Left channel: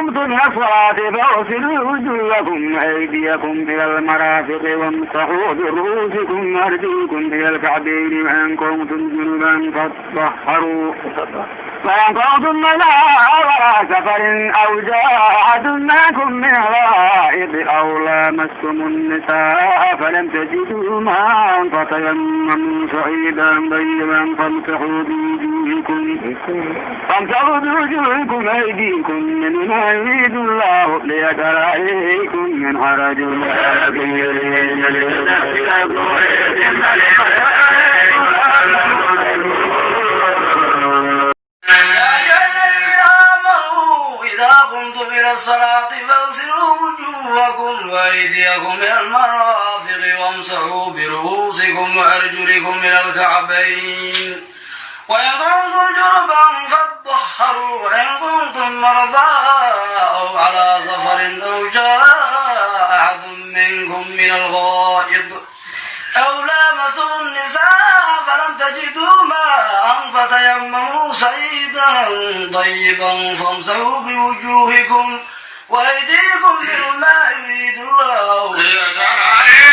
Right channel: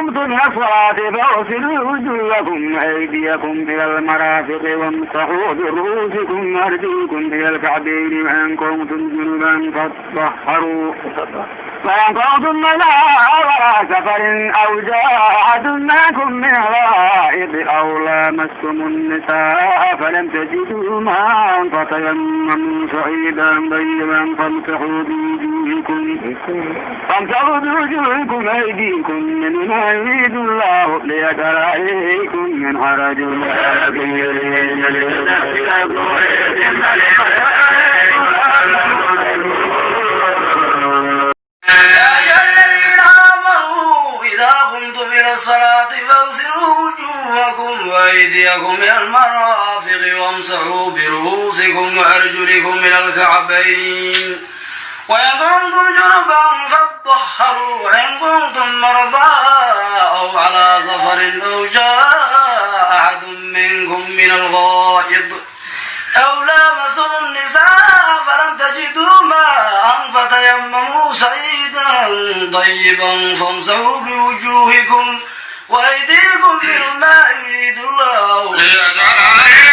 قمتم إلى الصلاة فاغسلوا وجوهكم وأيديكم إلى المرافق وامسحوا برؤوسكم وأرجلكم إلى الكعبين وإن كنتم جنبا فاطهروا وإن كنتم مرضى على سفر أو جاء أحد منكم من الغائط أو لامستم النساء فلم تجدوا ماء فتيمموا صعيدا طيبا فامسحوا بوجوهكم وأيديكم منما يريد الله ليجعل عليكم من حرج ولكن يريد إلى الصلاة فاغسلوا وجوهكم وأيديكم إلى المرافق وامسحوا برؤوسكم وأرجلكم إلى الكعبين وإن كنتم جنبا فاطهروا وإن كنتم مرضى أو على سفر أو جاء أحد منكم من الغائط أو لامستم النساء فلم تجدوا ماء فتيمموا صعيدا طيبا فامسحوا بوجوهكم وأيديكم مما يريد الله ليجعل